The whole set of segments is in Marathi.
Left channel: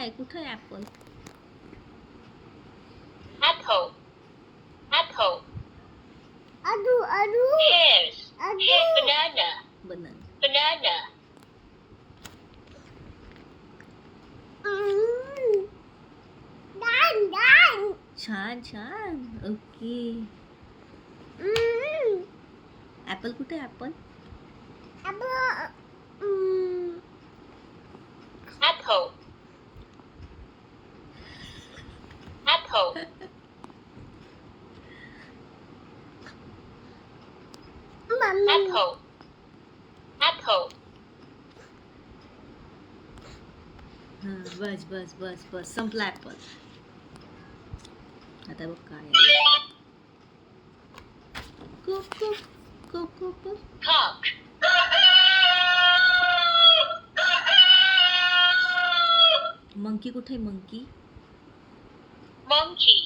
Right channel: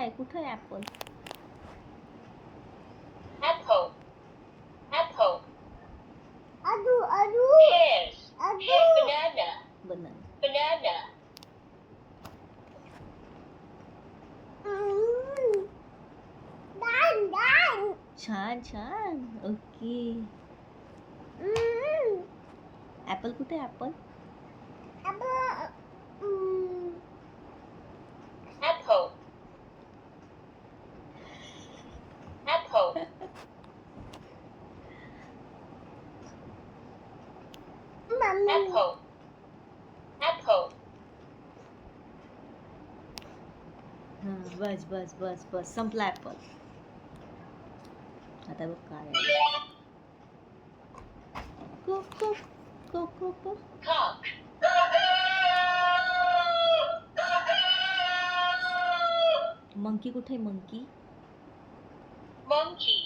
काय कुठं आहे apple? Apple. Apple. Adu. Pears. Banana. Banana. Banana. Dan. छान छान. ओके. ऍपल कुठे आहे apple? Apple. Apple. Apple. Apple. हा बस बस बस बस संपला ऍपल. आता बघ काय आहे. Cook cook cook cook cook. Cock. Monkey कुठे आहे मंकी? Monkey.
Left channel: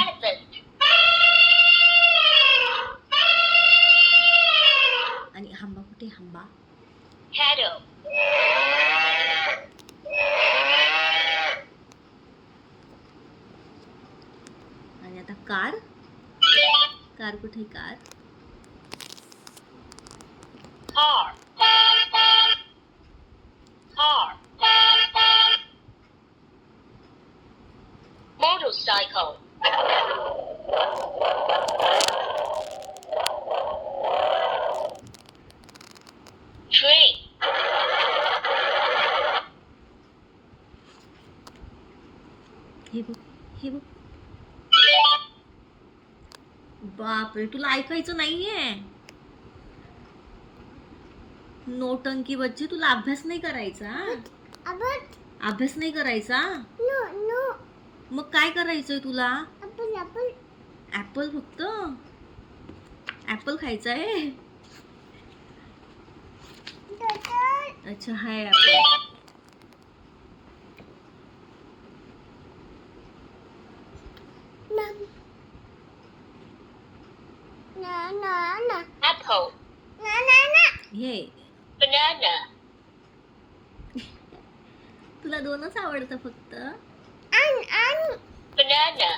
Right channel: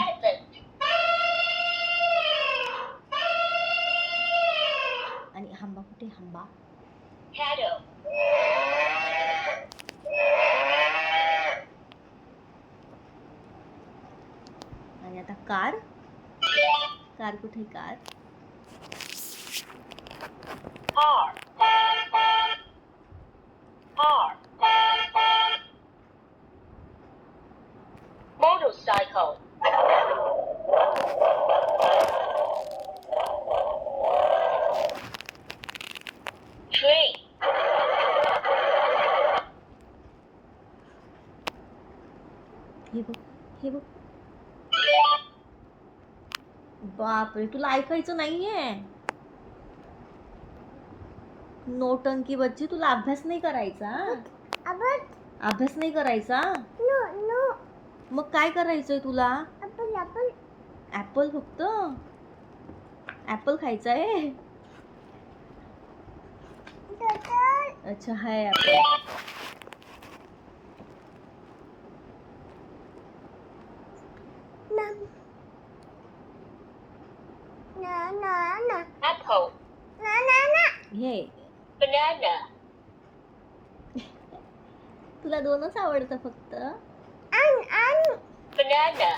Elephant. आणि हंबा कुठे आहे हंबा? Cattle. आणि आता कार कार कुठे आहे car? Car. Car. Motorcycle. Train. हे बघ हे बघ. बापरे तुला ऐकायचं नाहीये. नोटंकी बच्ची तुला अभ्यास नाही करायचा. अभ्यास नाही करायचा. मग काय करायचंय तुला? ऍपल फक्त ऍपल खायचा आहे. अच्छा हाय ऍपल. Apple. हे Banana. तुला दोनच आवडतं फक्त. Banana.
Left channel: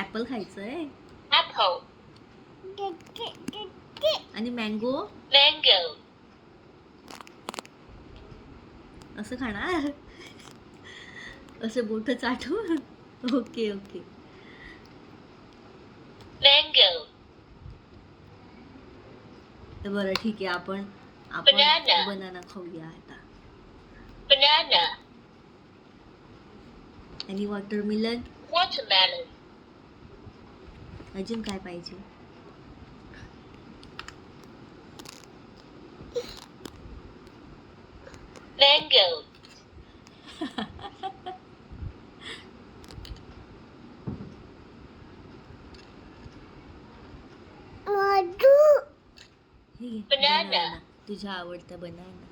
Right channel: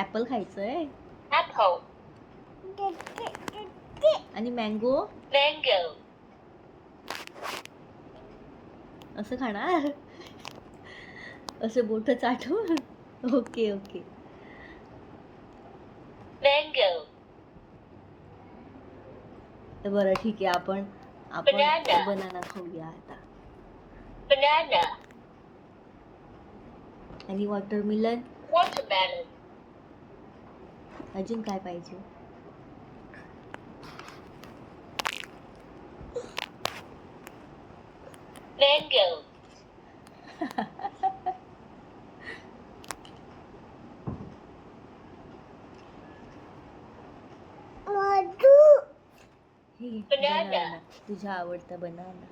ऍपल खायचंय Apple. आणि मँगो Mango. असं खाणार. असे बोट चाटून. Okay okay. Mango. बरं ठीक आहे आपण Banana. बनाना खाऊया आता. Banana. आणि वॉटरमेलन. Watermelon. अजून काय पाहिजे? Mango. हे घे, Banana. बनाना. तुझ्या आवडता बनाना.